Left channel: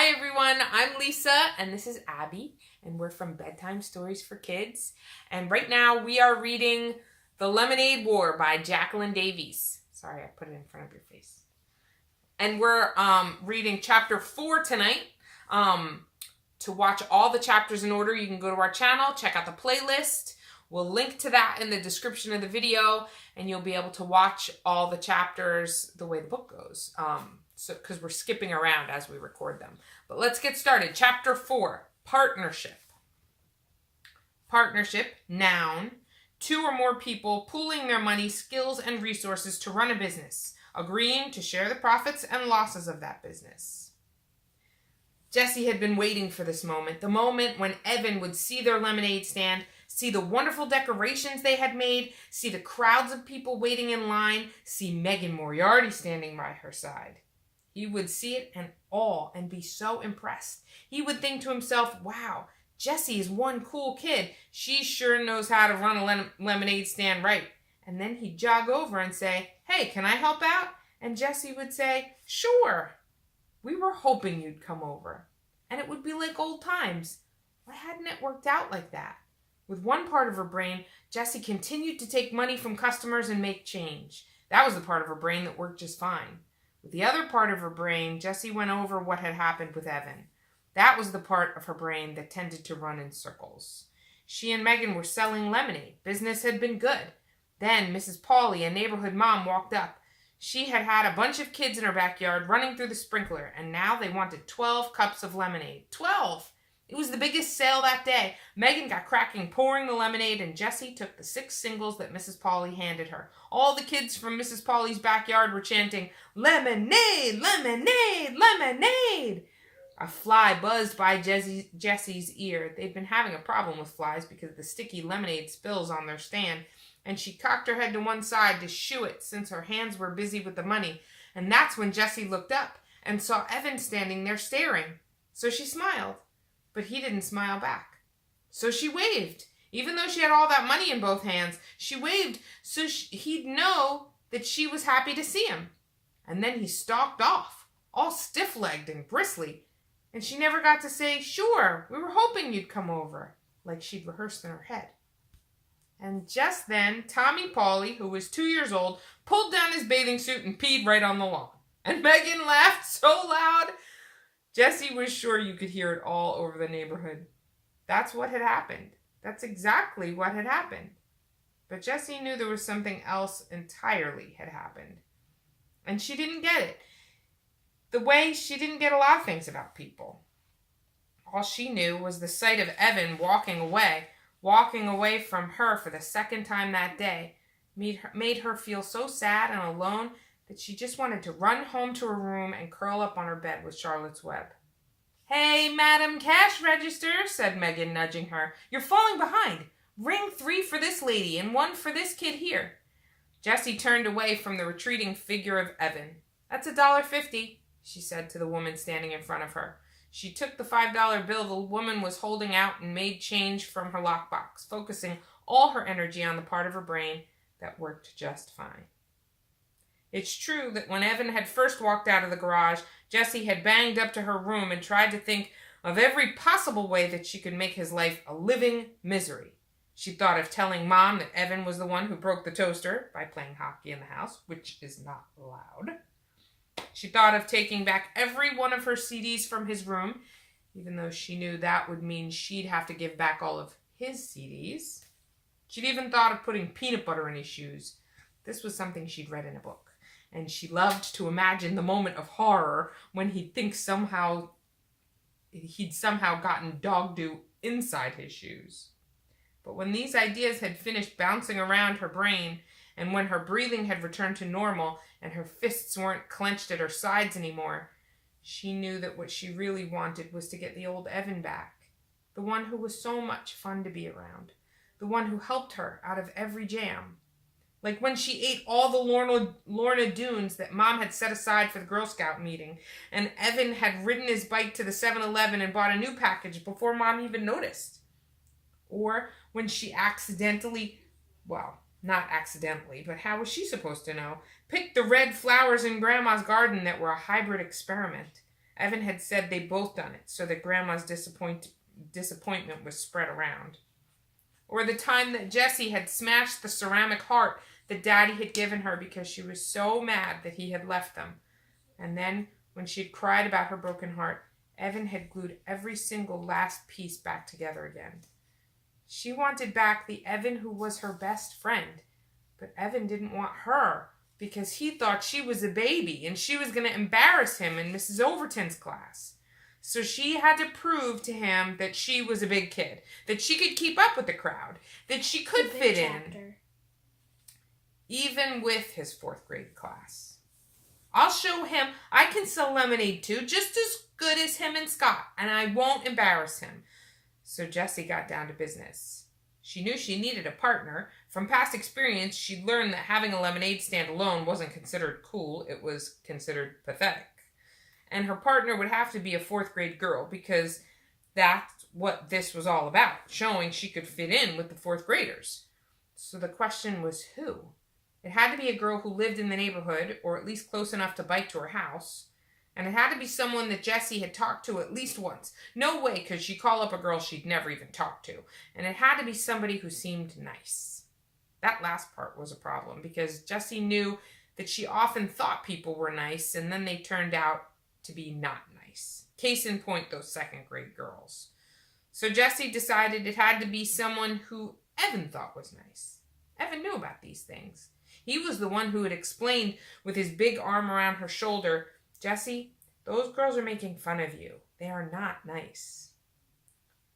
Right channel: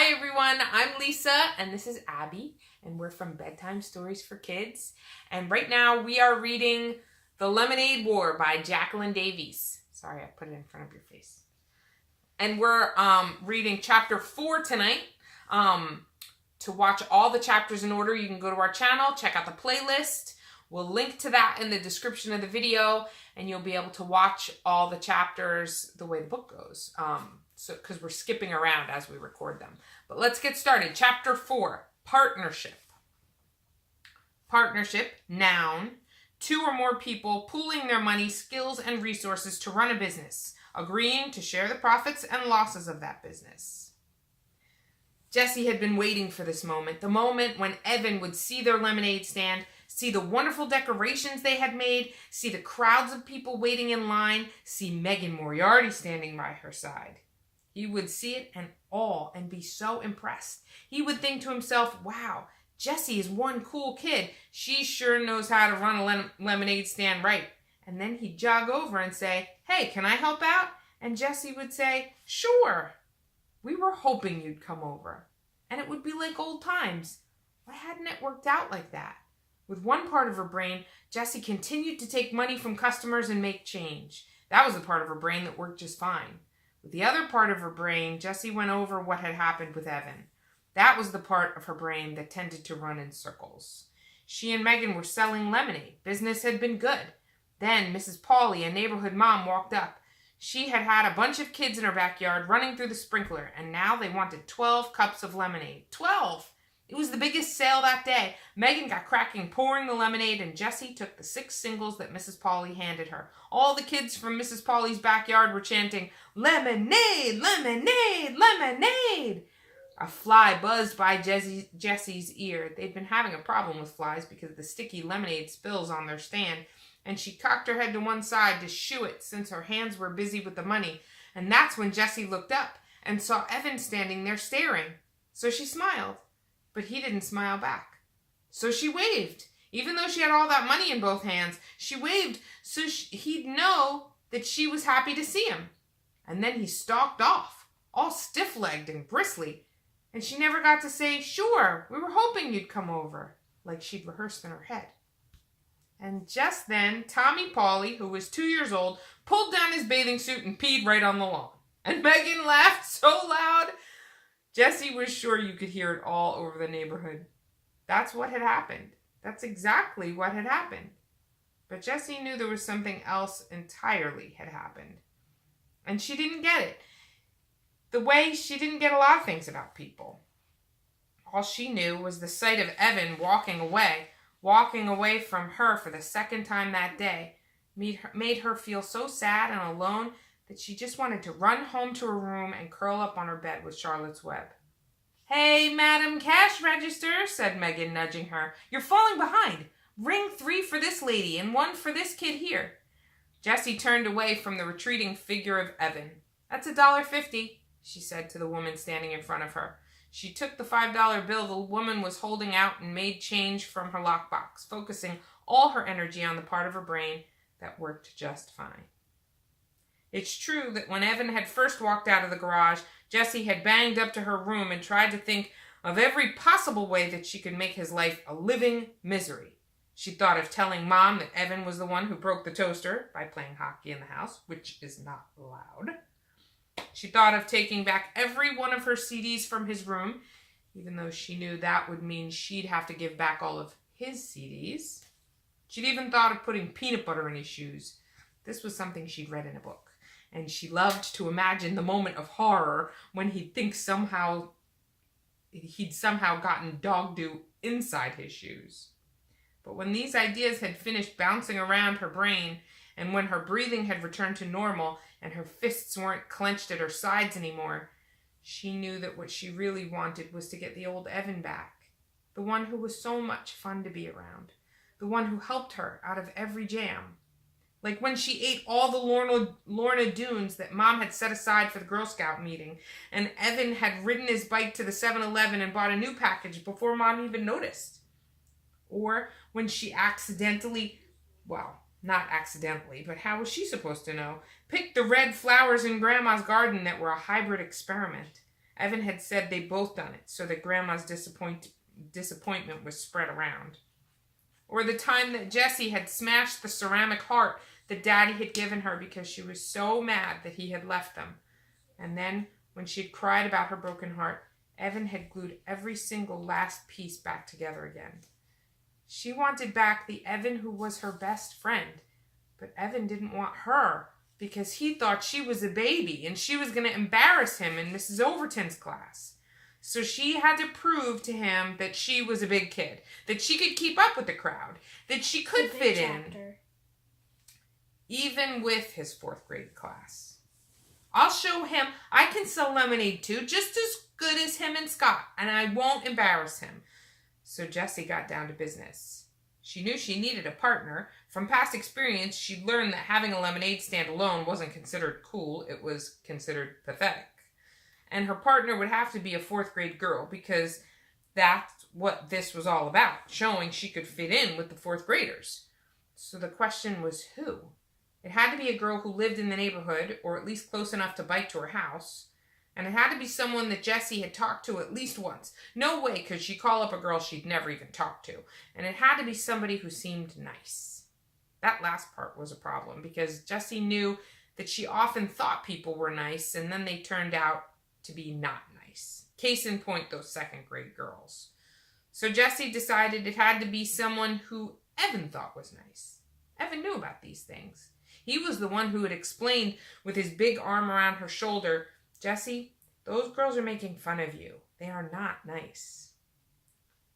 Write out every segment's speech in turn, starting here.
Hi everyone, I'm Lisa and this is Abby and we're from Bedtime Stories for Kids. And right now we are reading The Lemonade War by Jacqueline Davies. Sorry, I put it in front of your face. And we're reading chapter 4 tonight. To watch all the chapters in order, you can go to our channel, check out the playlist. We'll link to that in the description of the video and you'll be able to watch all the chapters the way the book goes. Because we're skipping around as we record them. But let's get started. Chapter 4, Partnership. Partnership, noun, 2 or more people pooling their money, skills, and resources to run a business, agreeing to share the profits and losses of that business. Jessie had been waiting for this moment, the moment when Evan would see their lemonade stand, see the wonderful decorations they had made, see the crowds of people waiting in line, see Megan Moriarty standing by her side. He would see it and awe and be so impressed. He would think to himself, wow, Jessie is one cool kid. She sure knows how to run a lemonade stand right. And then he'd jog over and say, hey, can I help out? And Jessie would say, sure. We were hoping you'd come over. And it would be like old times. Why hadn't it worked out like that? With one part of her brain, Jessie continued to take money from customers and make change. That was the part of her brain that worked just fine. With the other part of her brain, Jessie went over what had happened with Evan. That was the part of her brain that tended to run in circles. She and Megan were selling lemonade. Business had been good. Then Mrs. Pauley, a neighborhood mom, walked up. She had had a bunch of kids in her backyard running through the sprinkler, and now they wanted 12 cups of lemonade. 12! It was the biggest sale that day. Megan got cracking, pouring the lemonade, and Jessie took the 6 singles that Mrs. Pauley handed her. All the kids from Mrs. Pauley's backyard were chanting, lemonade, lemonade, lemonade! A fly buzzed by Jessie's ear. They'd been having a problem with flies because of the sticky lemonade spills on their stand, and she cocked her head to one side to shoo it since her hands were busy with the money. And that's when Jessie looked up and saw Evan standing there staring. So she smiled. But he didn't smile back. So she waved. Even though she had all that money in both hands, she waved so he'd know that she was happy to see him. And then he stalked off, all stiff-legged and bristly. And she never got to say, sure, we were hoping you'd come over, like she'd rehearsed in her head. And just then, Tommy Pauley, who was 2 years old, pulled down his bathing suit and peed right on the lawn. And Megan laughed so loud, Jessie was sure you could hear it all over the neighborhood. That's what had happened. That's exactly what had happened. But Jessie knew there was something else entirely had happened. And she didn't get it. The way she didn't get a lot of things about people. All she knew was the sight of Evan walking away from her for the second time that day, made her feel so sad and alone that she just wanted to run home to her room and curl up on her bed with Charlotte's Web. Hey, Madam Cash Register, said Megan, nudging her. You're falling behind. Ring 3 for this lady and 1 for this kid here. Jessie turned away from the retreating figure of Evan. That's $1.50, she said to the woman standing in front of her. She took the $5 bill the woman was holding out and made change from her lockbox, focusing all her energy on the part of her brain that worked just fine. It's true that when Evan had first walked out of the garage, Jessie had banged up to her room and tried to think of every possible way that she could make his life a living misery. She thought of telling Mom that Evan was the one who broke the toaster by playing hockey in the house, which is not allowed. She thought of taking back every one of her CDs from his room, even though she knew that would mean she'd have to give back all of his CDs. She'd even thought of putting peanut butter in his shoes. This was something she'd read in a book. And she loved to imagine the moment of horror when he'd somehow gotten dog dew inside his shoes. But when these ideas had finished bouncing around her brain, and when her breathing had returned to normal, and her fists weren't clenched at her sides anymore, she knew that what she really wanted was to get the old Evan back, the one who was so much fun to be around, the one who helped her out of every jam. Like when she ate all the Lorna Doones that Mom had set aside for the Girl Scout meeting, and Evan had ridden his bike to the 7-Eleven and bought a new package before Mom even noticed. Or when she accidentally, well, not accidentally, but how was she supposed to know, picked the red flowers in Grandma's garden that were a hybrid experiment. Evan had said they both done it, so that Grandma's disappointment was spread around. Or the time that Jessie had smashed the ceramic heart that Daddy had given her because she was so mad that he had left them. And then, when she had cried about her broken heart, Evan had glued every single last piece back together again. She wanted back the Evan who was her best friend, but Evan didn't want her because he thought she was a baby and she was going to embarrass him in Mrs. Overton's class. So she had to prove to him that she was a big kid, that she could keep up with the crowd, that she could fit in, even with his 4th grade class. I'll show him I can sell lemonade too, just as good as him and Scott, and I won't embarrass him. So Jessie got down to business. She knew she needed a partner. From past experience, she'd learned that having a lemonade stand alone wasn't considered cool, it was considered pathetic. And her partner would have to be a 4th grade girl because that's what this was all about, showing she could fit in with the 4th graders. So the question was who? It had to be a girl who lived in the neighborhood, or at least close enough to bike to her house. And it had to be someone that Jessie had talked to at least once. No way could she call up a girl she'd never even talked to. And it had to be somebody who seemed nice. That last part was a problem because Jessie knew that she often thought people were nice and then they turned out to be not nice. Case in point, those 2nd grade girls. So Jessie decided it had to be someone who Evan thought was nice. Evan knew about these things. He was the one who had explained with his big arm around her shoulder, Jessie, those girls are making fun of you. They are not nice.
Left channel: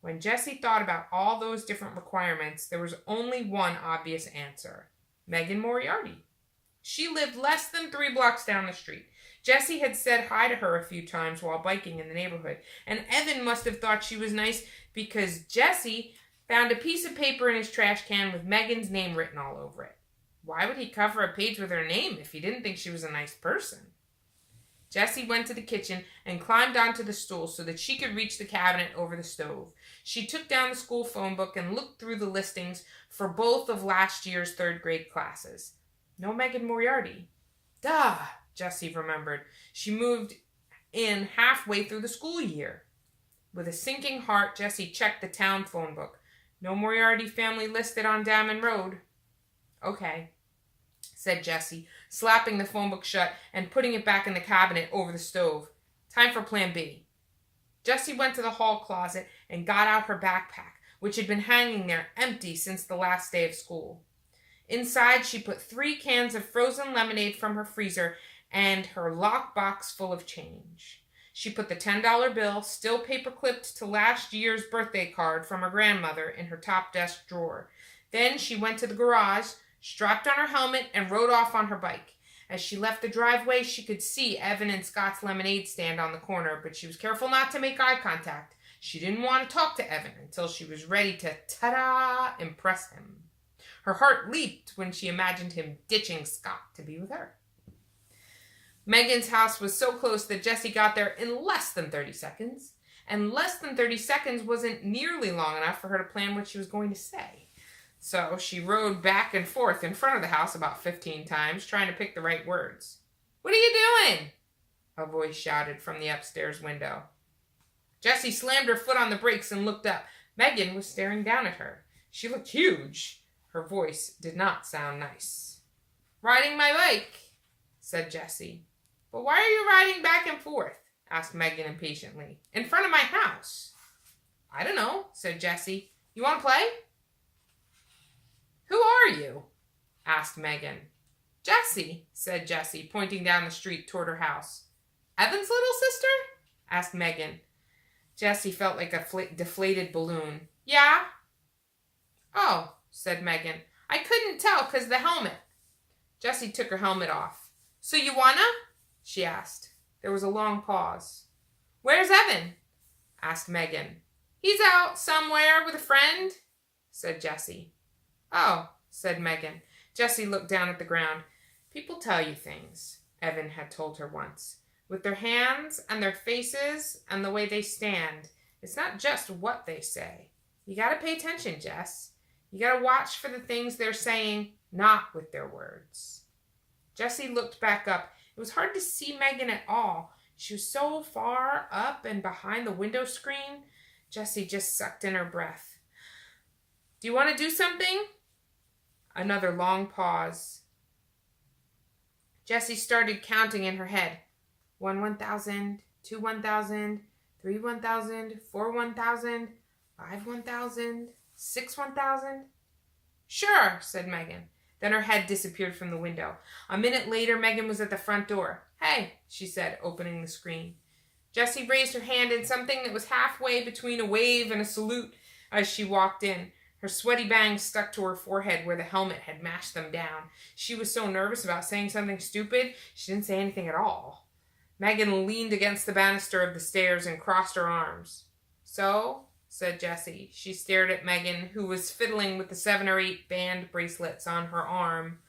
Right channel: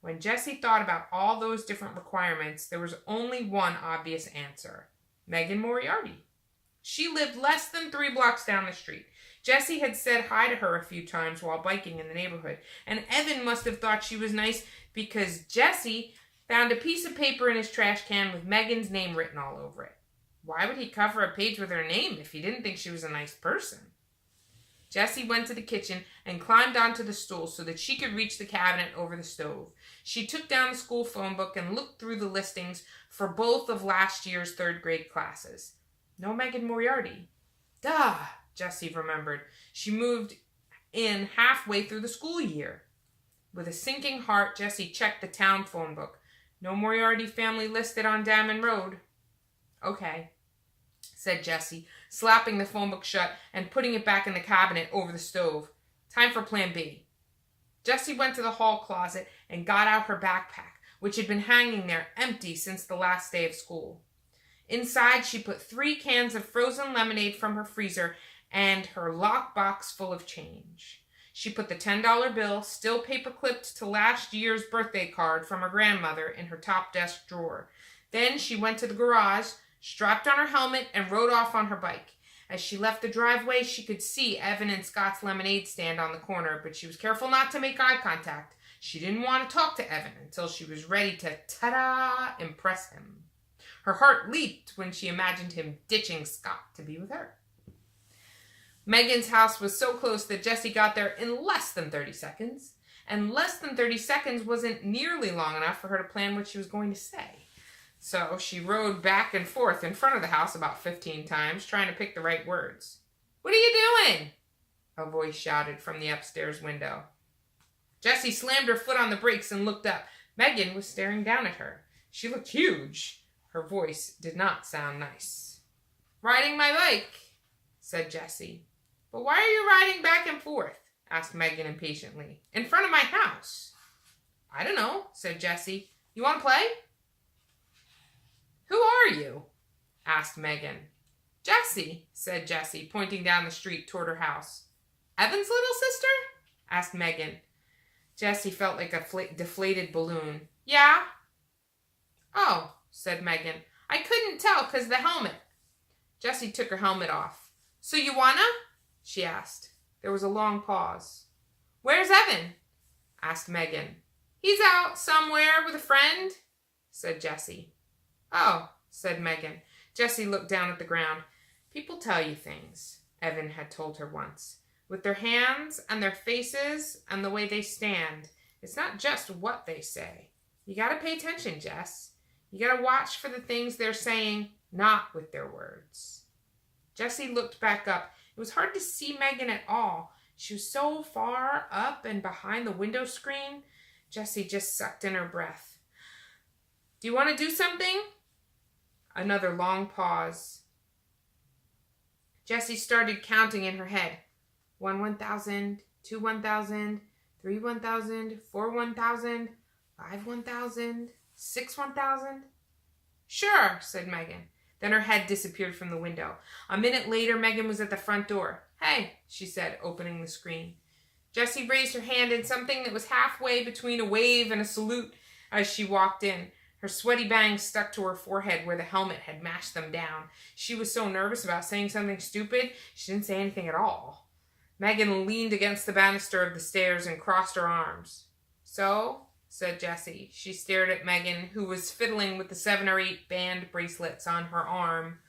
When Jessie thought about all those different requirements, there was only one obvious answer. Megan Moriarty. She lived less than 3 blocks down the street. Jessie had said hi to her a few times while biking in the neighborhood, and Evan must have thought she was nice because Jessie found a piece of paper in his trash can with Megan's name written all over it. Why would he cover a page with her name if he didn't think she was a nice person? Jessie went to the kitchen and climbed onto the stool so that she could reach the cabinet over the stove. She took down the school phone book and looked through the listings for both of last year's 3rd grade classes. No Megan Moriarty. Duh, Jessie remembered. She moved in halfway through the school year. With a sinking heart, Jessie checked the town phone book. No Moriarty family listed on Damon Road. Okay, said Jessie, slapping the phone book shut and putting it back in the cabinet over the stove. Time for Plan B. Jessie went to the hall closet and got out her backpack, which had been hanging there empty since the last day of school. Inside, she put 3 cans of frozen lemonade from her freezer and her lockbox full of change. She put the $10 bill, still paper-clipped to last year's birthday card from her grandmother, in her top desk drawer. Then she went to the garage, strapped on her helmet, and rode off on her bike. As she left the driveway, she could see Evan and Scott's lemonade stand on the corner, but she was careful not to make eye contact. She didn't want to talk to Evan until she was ready to, ta-da, impress him. Her heart leaped when she imagined him ditching Scott to be with her. Megan's house was so close that Jessie got there in less than 30 seconds, and less than 30 seconds wasn't nearly long enough for her to plan what she was going to say. So she rode back and forth in front of the house about 15 times, trying to pick the right words. "What are you doing?" a voice shouted from the upstairs window. Jessie slammed her foot on the brakes and looked up. Megan was staring down at her. She looked huge. Her voice did not sound nice. "Riding my bike," said Jessie. "But why are you riding back and forth?" asked Megan impatiently. "In front of my house." "I don't know," said Jessie. "You want to play?" "Who are you?" asked Megan. "Jessie," said Jessie, pointing down the street toward her house. "Evan's little sister?" asked Megan. Jessie felt like a deflated balloon. "Yeah." "Oh," said Megan. "I couldn't tell 'cause the helmet." Jessie took her helmet off. "So you wanna?" she asked. There was a long pause. "Where's Evan?" asked Megan. "He's out somewhere with a friend," said Jessie. "Oh," said Megan. Jessie looked down at the ground. "People tell you things," Evan had told her once. "With their hands and their faces and the way they stand. It's not just what they say. You gotta pay attention, Jess. You gotta watch for the things they're saying, not with their words." Jessie looked back up. It was hard to see Megan at all. She was so far up and behind the window screen, Jessie just sucked in her breath. Do you want to do something? Another long pause. Jessie started counting in her head. 1 1,000, 2 1,000, 3 1,000, 4 1,000, 5 1,000, 6 1,000. Sure, said Megan. Then her head disappeared from the window. A minute later, Megan was at the front door. Hey, she said, opening the screen. Jessie raised her hand in something that was halfway between a wave and a salute as she walked in. Her sweaty bangs stuck to her forehead where the helmet had mashed them down. She was so nervous about saying something stupid, she didn't say anything at all. Megan leaned against the banister of the stairs and crossed her arms. So, said Jessie. She stared at Megan, who was fiddling with the 7 or 8 band bracelets on her arm.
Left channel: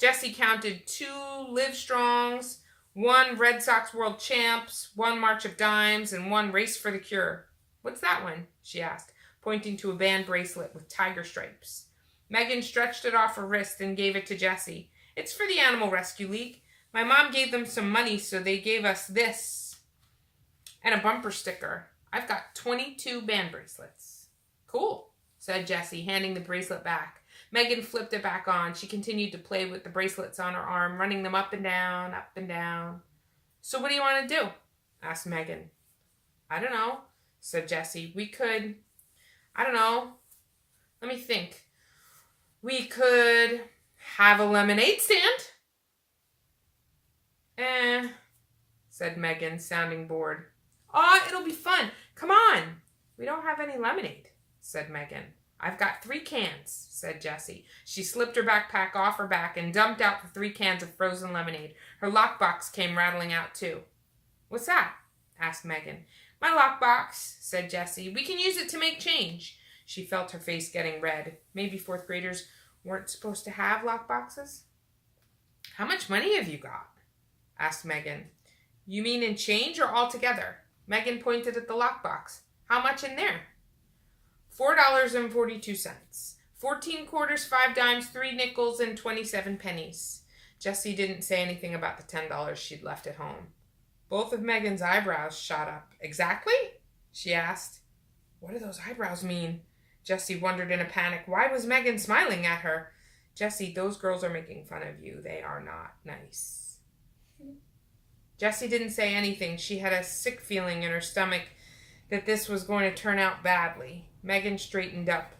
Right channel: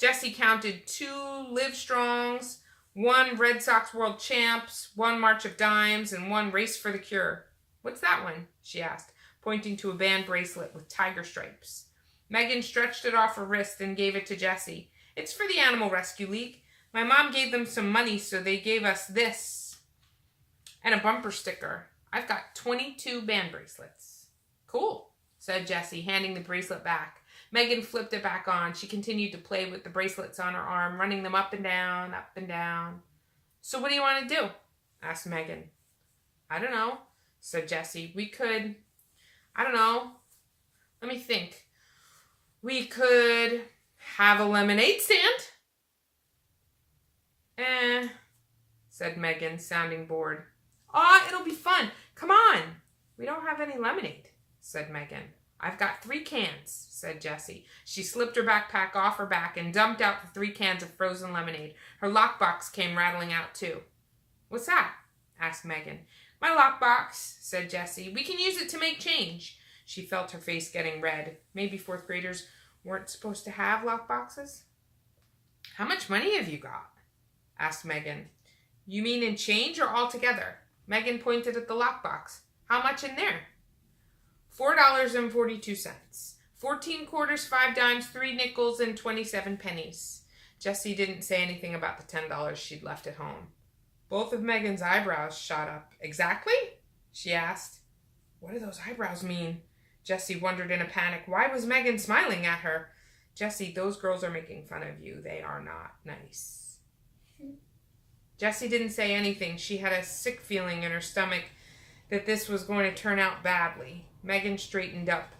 Jessie counted 2 Livestrongs, 1 Red Sox World Champs, 1 March of Dimes, and 1 Race for the Cure. What's that one? She asked, pointing to a band bracelet with tiger stripes. Megan stretched it off her wrist and gave it to Jessie. It's for the Animal Rescue League. My mom gave them some money, so they gave us this. And a bumper sticker. I've got 22 band bracelets. Cool, said Jessie, handing the bracelet back. Megan flipped it back on. She continued to play with the bracelets on her arm, running them up and down, up and down. So what do you want to do? Asked Megan. I don't know, said Jessie. I don't know. Let me think. We could have a lemonade stand. Said Megan, sounding bored. Aw, it'll be fun. Come on. We don't have any lemonade, said Megan. I've got 3 cans, said Jessie. She slipped her backpack off her back and dumped out the 3 cans of frozen lemonade. Her lockbox came rattling out, too. What's that? Asked Megan. My lockbox, said Jessie. We can use it to make change. She felt her face getting red. Maybe 4th graders weren't supposed to have lockboxes? How much money have you got? Asked Megan. You mean in change or altogether? Megan pointed at the lockbox. How much in there? $4.42. 14 quarters, 5 dimes, 3 nickels, and 27 pennies. Jessie didn't say anything about the $10 she'd left at home. Both of Megan's eyebrows shot up. Exactly? She asked. What do those eyebrows mean? Jessie wondered in a panic. Why was Megan smiling at her? Jessie, those girls are making fun of you. They are not nice. Jessie didn't say anything. She had a sick feeling in her stomach that this was going to turn out badly. Megan straightened up.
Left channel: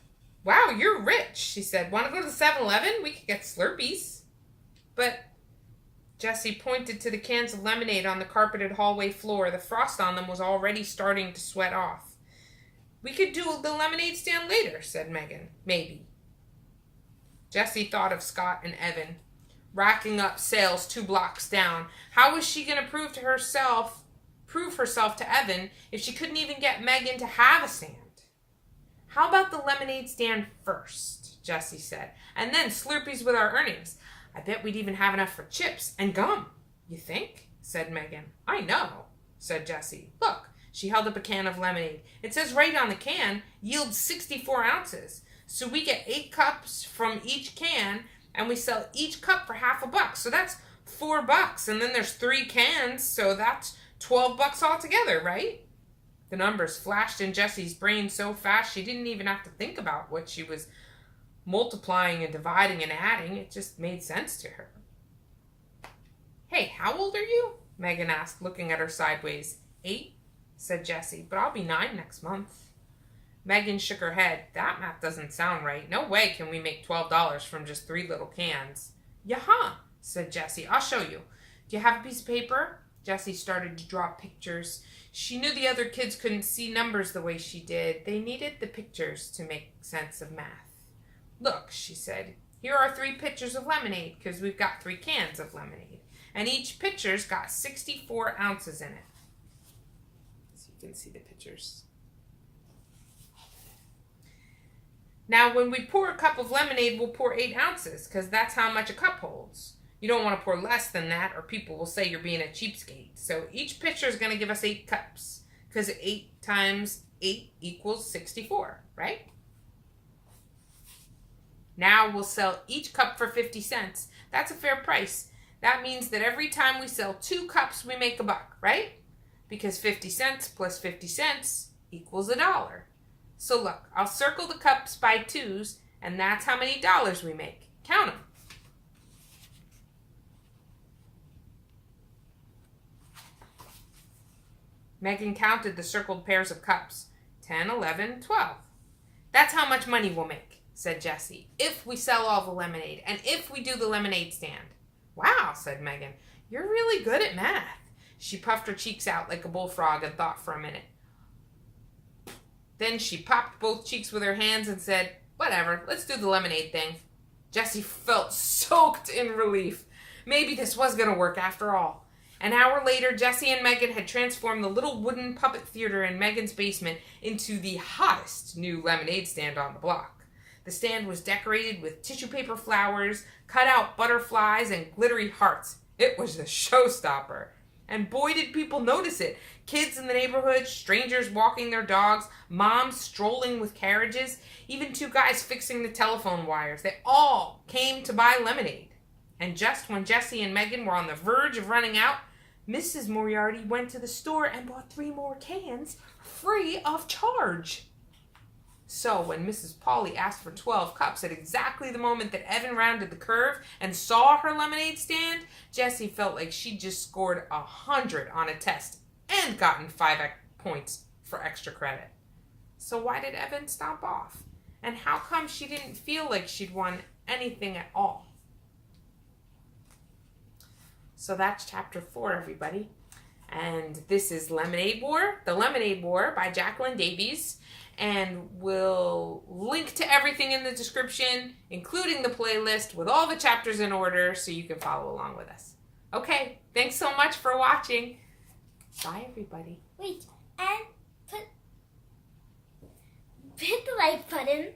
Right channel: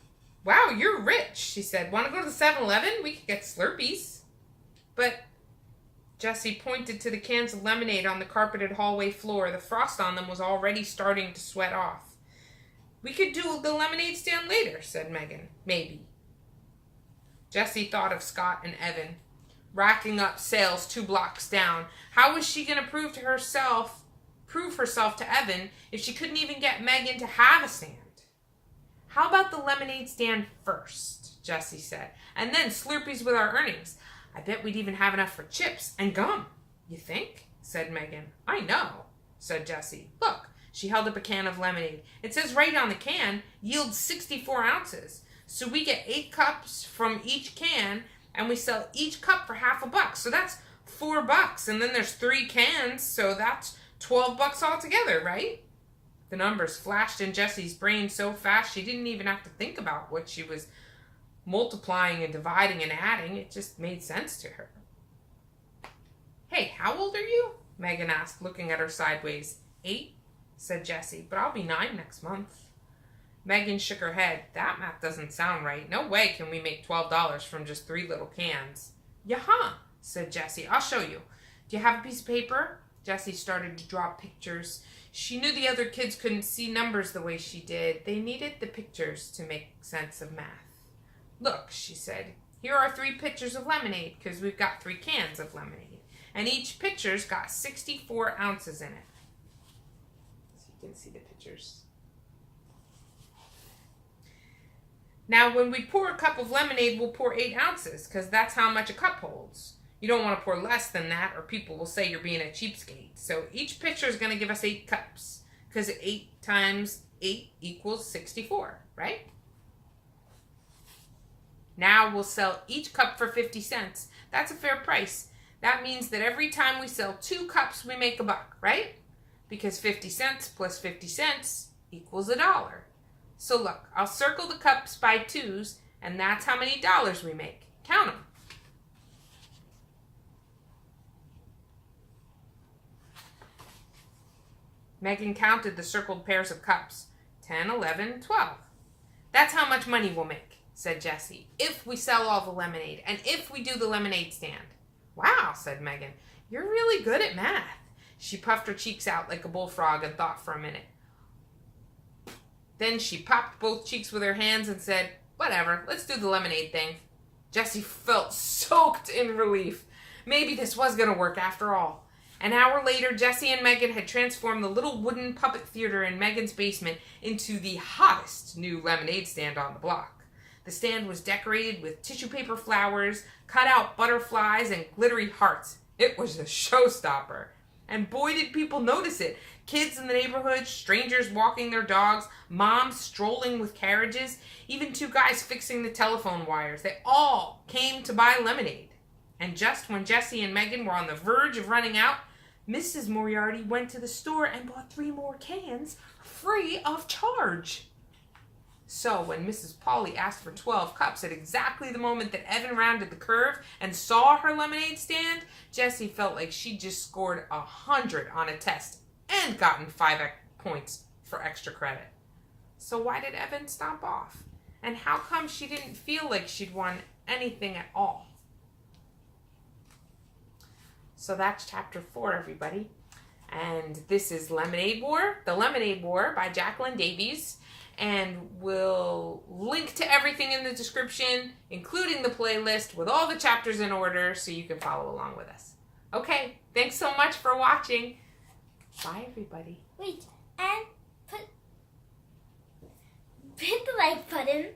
Wow, you're rich, she said. Want to go to the 7-Eleven? We could get Slurpees. But Jessie pointed to the cans of lemonade on the carpeted hallway floor. The frost on them was already starting to sweat off. We could do the lemonade stand later, said Megan. Maybe. Jessie thought of Scott and Evan, racking up sales 2 blocks down. How was she going to prove herself to Evan if she couldn't even get Megan to have a stand? How about the lemonade stand first, Jessie said, and then Slurpees with our earnings. I bet we'd even have enough for chips and gum. You think? Said Megan. I know, said Jessie. Look, she held up a can of lemonade. It says right on the can, yields 64 ounces. So we get 8 cups from each can, and we sell each cup for $0.50. So that's $4. And then there's 3 cans, so that's $12 altogether, right? The numbers flashed in Jessie's brain so fast she didn't even have to think about what she was multiplying and dividing and adding. It just made sense to her. Hey, how old are you? Megan asked, looking at her sideways. 8, said Jessie, but I'll be 9 next month. Megan shook her head. That math doesn't sound right. No way can we make $12 from just 3 little cans. Yaha, said Jessie. I'll show you. Do you have a piece of paper? Jessie started to draw pictures. She knew the other kids couldn't see numbers the way she did. They needed the pictures to make sense of math. Look, she said, here are 3 pitchers of lemonade, because we've got 3 cans of lemonade. And each pitcher's got 64 ounces in it. So you can see the pitchers. Now, when we pour a cup of lemonade, we'll pour 8 ounces, because that's how much a cup holds. You don't want to pour less than that, or people will say you're being a cheapskate. So each pitcher is going to give us 8 cups, because 8 times 8 equals 64, right? Now we'll sell each cup for 50 cents. That's a fair price. That means that every time we sell 2 cups, we make $1, right? because 50 cents plus 50 cents equals $1. So look, I'll circle the cups by 2s, and that's how many dollars we make. Count them. Megan counted the circled pairs of cups. 10, 11, 12. That's how much money we'll make, said Jessie, if we sell all the lemonade and if we do the lemonade stand. Wow, said Megan. You're really good at math. She puffed her cheeks out like a bullfrog and thought for a minute. Then she popped both cheeks with her hands and said, whatever, let's do the lemonade thing. Jessie felt soaked in relief. Maybe this was going to work after all. An hour later, Jessie and Megan had transformed the little wooden puppet theater in Megan's basement into the hottest new lemonade stand on the block. The stand was decorated with tissue paper flowers, cut-out butterflies, and glittery hearts. It was a showstopper. And boy, did people notice it. Kids in the neighborhood, strangers walking their dogs, moms strolling with carriages, even 2 guys fixing the telephone wires. They all came to buy lemonade. And just when Jessie and Megan were on the verge of running out, Mrs. Moriarty went to the store and bought 3 more cans free of charge. So when Mrs. Polly asked for 12 cups at exactly the moment that Evan rounded the curve and saw her lemonade stand, Jessie felt like she just scored 100 on a test and gotten 5 points for extra credit. So why did Evan stomp off? And how come she didn't feel like she'd won anything at all? So that's chapter 4, everybody. And this is Lemonade War, The Lemonade War by Jacqueline Davies. And we'll link to everything in the description, including the playlist with all the chapters in order so you can follow along with us. Okay, thanks so much for watching. Bye, everybody. Wait, and hit the like button,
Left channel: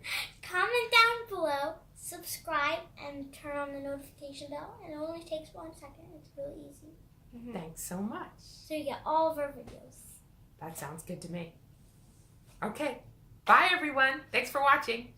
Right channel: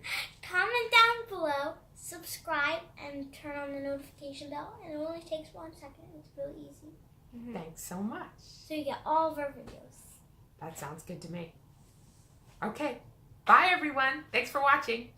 comment down below, subscribe, and turn on the notification bell. And it only takes 1 second. It's really easy. Thanks so much. So you get all of our videos. That sounds good to me. Okay. Bye, everyone. Thanks for watching.